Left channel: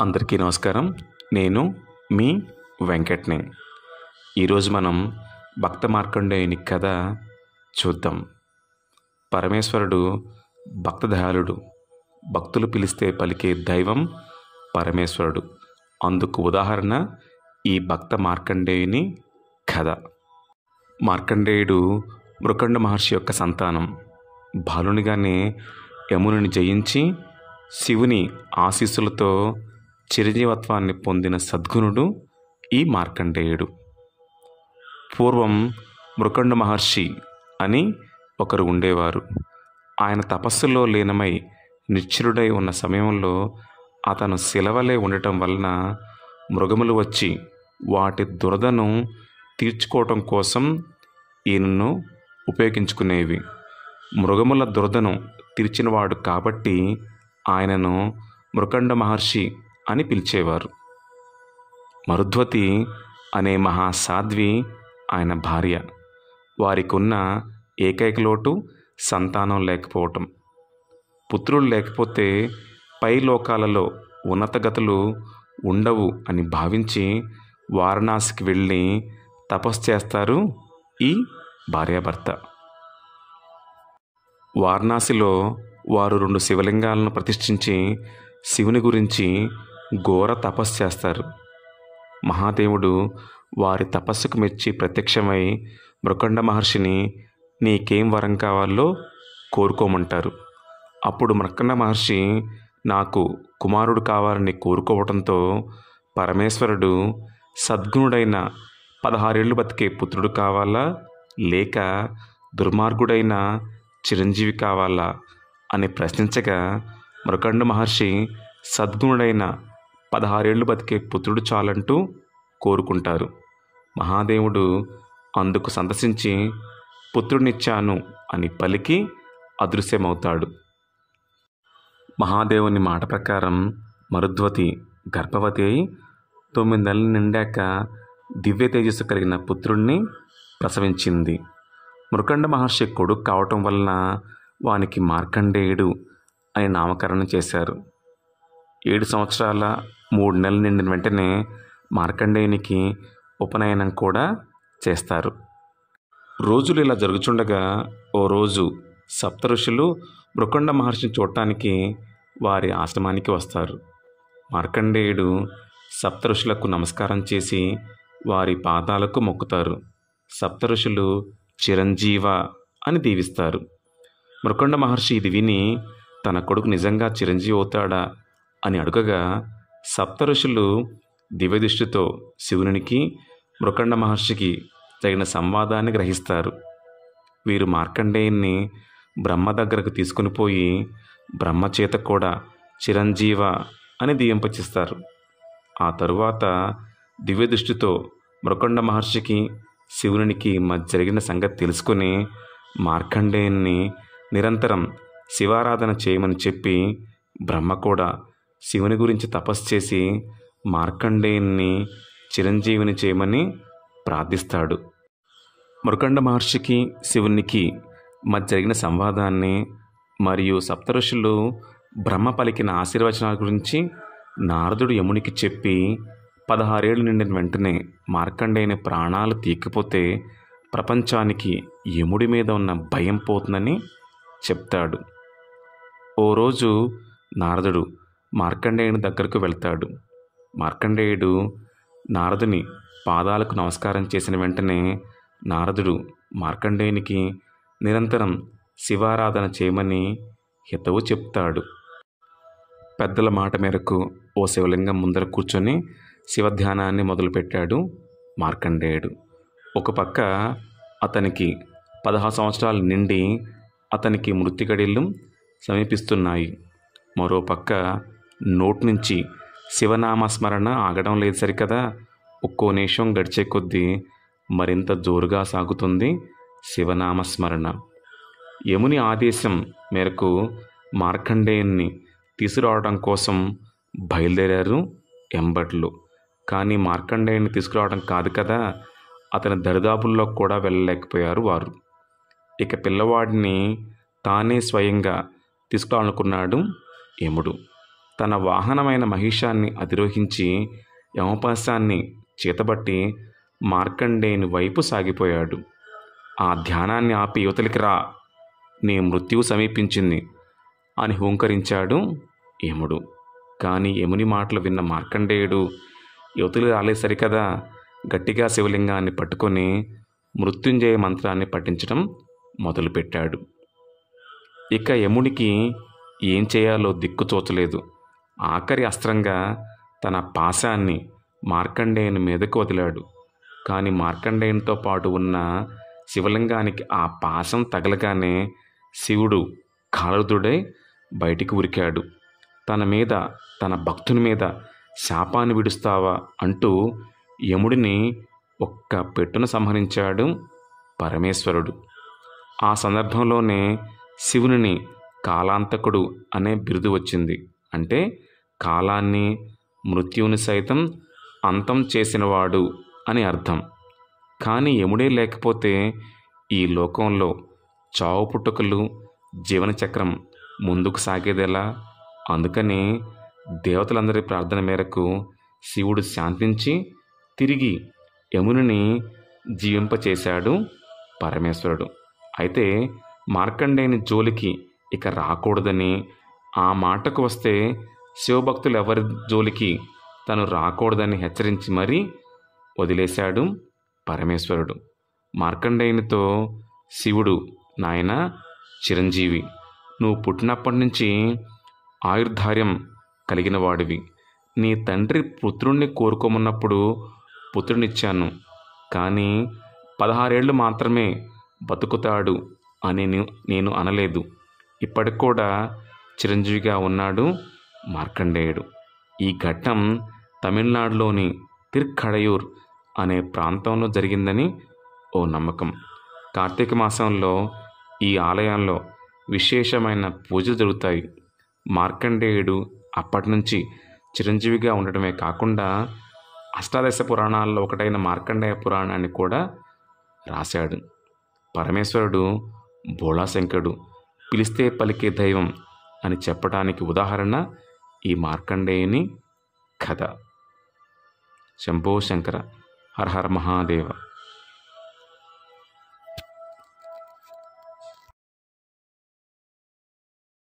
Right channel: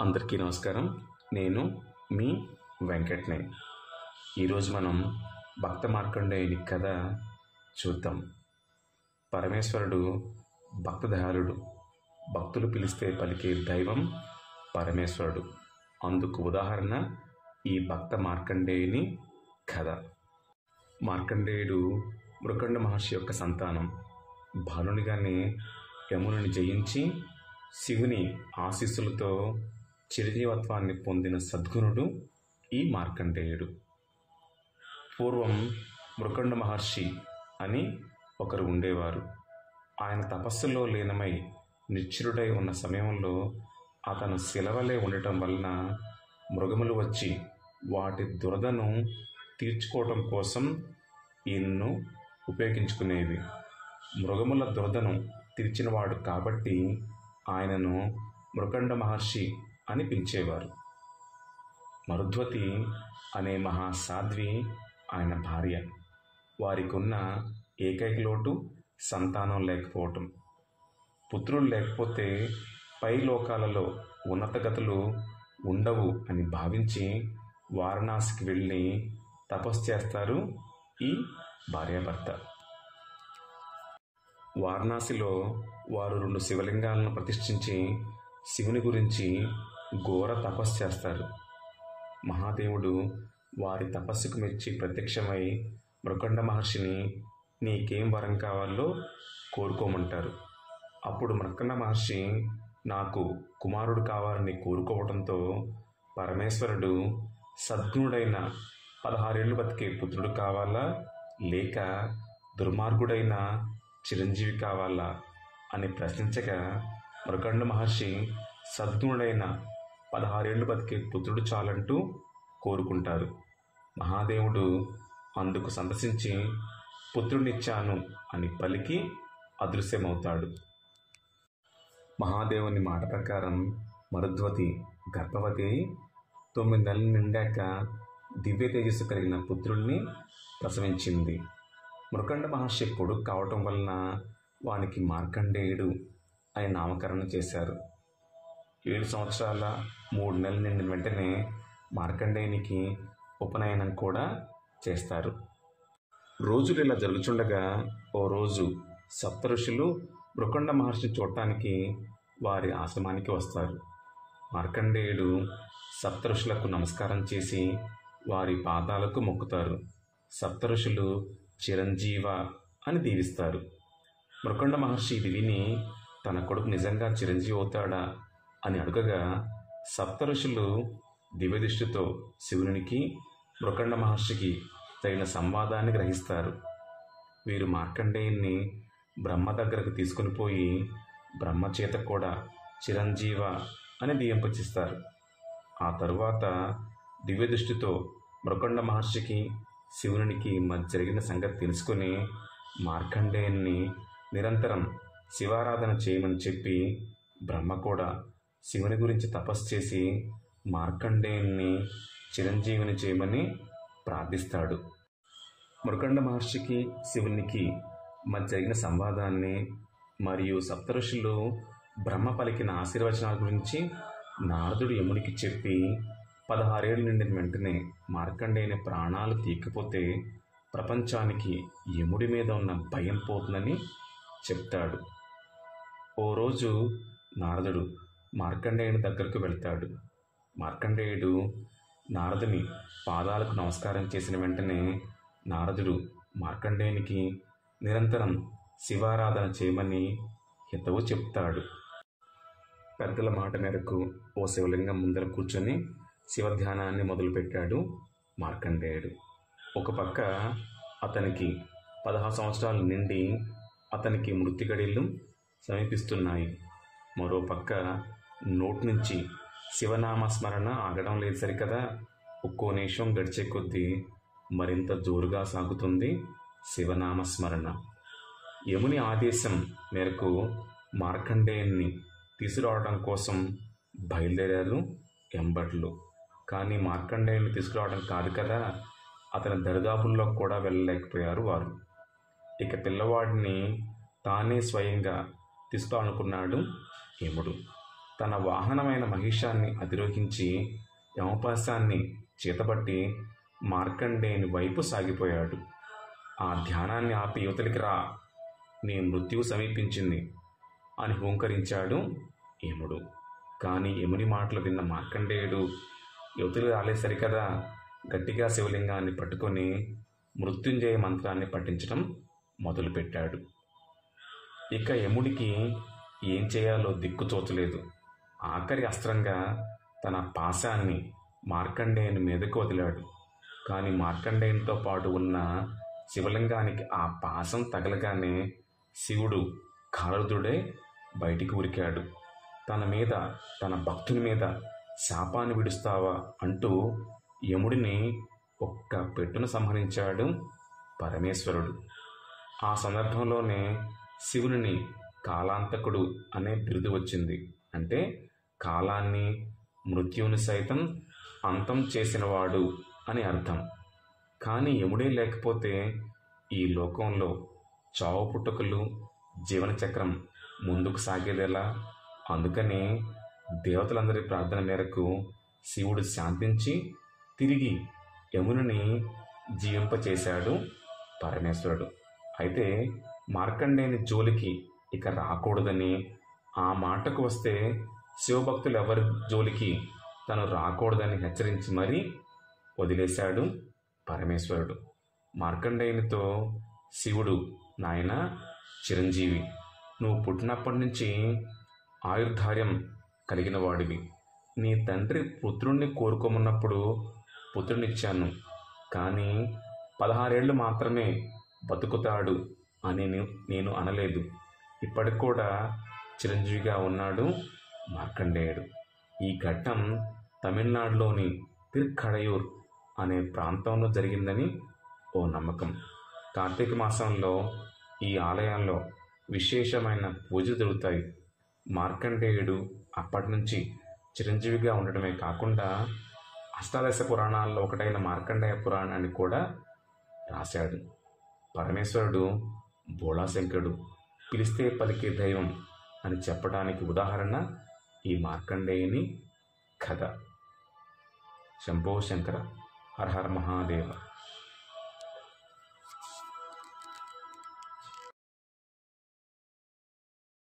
అందరికీ నమస్కారం. నేను మీ వెంకట్‌ని. ఈరోజు మనం భక్త మార్కండేయుని కథ చూద్దాం. పరమేశ్వరుడు భక్తదయాళుడు. భక్తులు పిలిస్తే పలికే దైవం పరమేశ్వరుడు. అందుకు ఉదాహరణ ఈ భక్త మార్కండేయుని కథ. మార్కండేయుడు మృకండ మహర్షి యొక్క సంతానం. బాలునిగానే యముని జయించి శివుని ఆశీస్సులతో చిరంజీవత్వాన్ని పొందిన సద్గుణుడు ఈ మార్కండేయుడు. పూర్వం మృకండ మహర్షి అని ఒకరు ఉండేవారు. ఆయన తపస్సులో లీనమై నిశ్చలుడై ఉన్న సమయంలో అతను శిలవలే ఉండటం వలన మృగములు వచ్చి వాటి దురదను తీర్చుకోవటం కోసం ఈయనను ఉపయోగించుకునేవి. మృగముల దురదను తీర్చినవాడు కాబట్టి ఆయనను మృకండ మహర్షి అని పిలిచేవారు. మరుద్వతి అనే మహాసాధ్వి ఆయన భార్య. వారికి ఉన్న ఏకైక లోటు సంతానం లేకపోవటం. పుత్రులు లేకపోతే పై లోకాలలో ఉన్నతగతులు ఉండవు అని భావించి వారణాసికి వెళ్ళి తపస్సు చేస్తారు ఈ భార్యాభర్త. వారణాసిలో వారు 2 శివలింగాలను ప్రతిష్ఠించి శివుని గురించి ఘోర తపస్సు చేస్తారు. మహాదేవుడు వారి తపస్సుకు మెచ్చి ప్రత్యక్షమై మృకండ మహర్షిని నీకేం వరం కావాలో కోరుకోమంటారు. అప్పుడు మృకండ మహర్షి నాకు కుమారుడు కావాలని కోరుకోవడంతో పరమేశ్వరుడు సద్గుణుడైన 16 ఏళ్ళు బతికే పుత్రుడు కావాలా లేక దుర్మార్గుడైన చిరంజీవి కావాలా అని ప్రశ్నించగా మృకండ మహర్షి సద్గుణుడైన 16 ఏళ్ళు బతికే పుత్రుడు చాలంటూ కోరుకుంటారు. మహాదేవుడు అందుకు సంతసించి పుత్రుడినిచ్చాను అని పలికి అదృశ్యమవుతాడు. మహాదేవుని మాట ప్రకారం మరుద్వతి గర్భవతి అయి 9 నెలలు నిండాక దివ్య తేజస్సు కలిగిన పుత్రుణ్ణి ప్రసవించింది. మృకండ మహర్షి కొడుకు కావటం వలన వానికి మార్కండేయుడు అని నామకరణం చేశారు. 7 సంవత్సరాల 3 నెలలు నిండిన వెంటనే మార్కండేయునికి ఉపనయనం కూడా చేస్తారు. రోజులు ఇలా జరుగుతుండగా ఓ రోజు సప్తఋషులు మృకండ మహర్షిని చూడటానికి వారి ఆశ్రమానికి వస్తారు. మార్కండేయుడు సప్తఋషులకు నమస్కారం చేసి వారి పాదాలకు మొక్కుతారు. సప్తఋషులు చిరంజీవ అని దీవిస్తారు. మృకండ మహర్షి ఇది విని తన కొడుకు నిజంగా చిరంజీవి అవుతాడా అని అడుగగా సప్తఋషులు దివ్యదృష్టితో శివునికి మృకండ మహర్షికి తగిన సంవాదాన్ని గ్రహిస్తారు. వీరు మార్కండేయుని బ్రహ్మ దగ్గరకు తీసుకుని పోయి బ్రహ్మచేత కూడా చిరంజీవ అని దీవింపచేస్తారు. ఆ తరువాత దివ్యదృష్టితో మృకండ మహర్షికి శివునికి మధ్య జరిగిన సంగతి తెలుసుకుని మార్కండేయుని నిరంతరం శివారాధన చేయమని చెప్పి బ్రహ్మ కూడా శివుని గురించి తపస్సు చేసి మార్కండేయుని చిరంజీవిని చేయమని ప్రార్థిస్తాడు. మృకండ మహర్షికి శివునికి మధ్య జరిగిన సంవాదాన్ని మరియు సప్తఋషులు బ్రహ్మ పలికిన ఆశీర్వచనాల గురించి నారదుడు యమునికి చెప్పి 16 ఏళ్ళు నిండిన వెంటనే మార్కండేయుని ప్రాణాలు తీయకపోతే ప్రపంచానికి యముడి మీద ఉన్న భయం పోతుందని చెప్తాడు. ఓ రోజు నారదుడు మార్కండేయుని దగ్గరకు వెళ్తాడు. మార్కండేయుడు నారదుని పాదాలకు నమస్కారం చేసిన వెంటనే నారదుడు మార్కండేయునికి నిరంతరం శివారాధన చేయమని హితవు చెప్తాడు. పెద్దల మాట మేరకు ఓ శివలింగం ముందర కూర్చొని శివధ్యానాన్ని మొదలుపెట్టాడు మార్కండేయుడు. ఒక పక్క అతనికి 16 సంవత్సరాలు నిండి అతనికి మృత్యుగడియలు సమీపిస్తున్నాయి. మరో పక్క నోటి నుంచి శివనామస్మరణ ఆగడం లేదు సరికదా. ఒక్కో నిమిషం గడిచే కొద్దీ మరింత జోరుగా సాగుతుంది శివనామస్మరణ. యముని ఆదేశం మేరకు మార్కండేయుని తీసుకురావడం కోసం బయలుదేరారు ఎంబట్లు. కానీ మార్కండేయుని తీసుకురావడం కాదు కదా, అతని దరిదాపుల్లో కూడా వెళ్ళలేకపోయారు వారు. ఇక పిల్లవాడిని తానే స్వయంగా తీసుకురావాలనుకున్నాడు యముడు. తన వాహనమైన మహిషాన్ని అధిరోహించి యమపాశాన్ని చేతబట్టి మార్కండేయుని వైపు సాగిపోయాడు. ఆ ధ్యానాన్ని ఆపి యువతలికి రా, నీ మృత్యువు సమీపించింది అని హూంకరించాడు యముడు. కానీ యముని మాటలు విన్న మార్కండేయుడు యువతులు రాలే సరికదా గట్టిగా శివలింగాన్ని పట్టుకొని మృత్యుంజయ మంత్రాన్ని పఠించడం మొదలుపెట్టాడు. ఇక యముడికి ఏం చేయాలో దిక్కుతోచలేదు. ఆఖరి అస్త్రంగా తన పాశాన్ని మార్కండేయుని మీదకు వదిలాడు. కానీ మార్కండేయునితో పాటు ఉన్న శివలింగానికి ఆ పాశం తగలగానే శివుడు కాలరుదుడై బయటికి ఉరికాడు. తన మీద, తన భక్తుని మీద శాపాన్ని విడుస్తావా అంటూ యముడిని ఒక్క పెట్టున సంహరించాడు పరమేశ్వరుడు. ఆ సందర్భంలోనే శివుని కాలాంతకుడు అనే బిరుదు వచ్చింది. అంటే కాలాన్ని, మృత్యువుని సైతం అంతం చేసినవాడు అని అర్థం. కానీ యముడే లేకపోతే ఈ లోకంలో చావు పుట్టుకలు, జీవన చక్రం ముందుకు సాగేదెలా? అందుకని దేవతలందరి ప్రార్థన మేరకు శివుడు శాంతించి తిరిగి యముని జీవింపచేశాడు పరమేశ్వరుడు. అయితే మార్కండేయుని జోలికి ఇక రాకూడదని, ఆ మాటకు వస్తే శివభక్తులు ఎవరి జోలికి తను రాకూడదని హెచ్చరించి మరీ వదిలేశాడు పరమేశ్వరుడు. మార్కండేయునితో శివుడు, నాయనా చిరంజీవి, నువ్వు పుట్టినప్పటి నుంచి ఆయుర్ధార్యం కలిగిన వాడివి. నీ తండ్రి పుత్రుణ్ణి కోరుకోమన్నప్పుడు పుత్రునిచ్చాను. కానీ 16 ఏళ్ళు మాత్రమే బతుకుతాడు అని నేను అనలేదు. ఇప్పటికి కూడా చిరంజీవిగా ఉన్నాడు మార్కండేయుడు. ఈ ఘట్టం తమిళనాడులోని తిరుక్కడయూర్ అనే ప్రాంతంలో జరిగిందని ఓ నమ్మకం. కార్తీక మాసంలో ఈ ఆలయంలో విశేషమైన పూజలు జరుగుతాయి. మార్కండేయుడు అప్పటి నుంచి చిరంజీవిగా ఉండటమే కాకుండా అష్టాదశ పురాణాల్లో ఒకటైన మార్కండేయ పురాణాన్ని కూడా రాశాడు. పరమేశ్వరుడు భోళాశంకరుడు, పిలిస్తే పలికే దైవం అని చెప్పడానికి ఉదాహరణ ఈ మార్కండేయుని కథ. శంభో శంకర, హర హర మహాదేవ.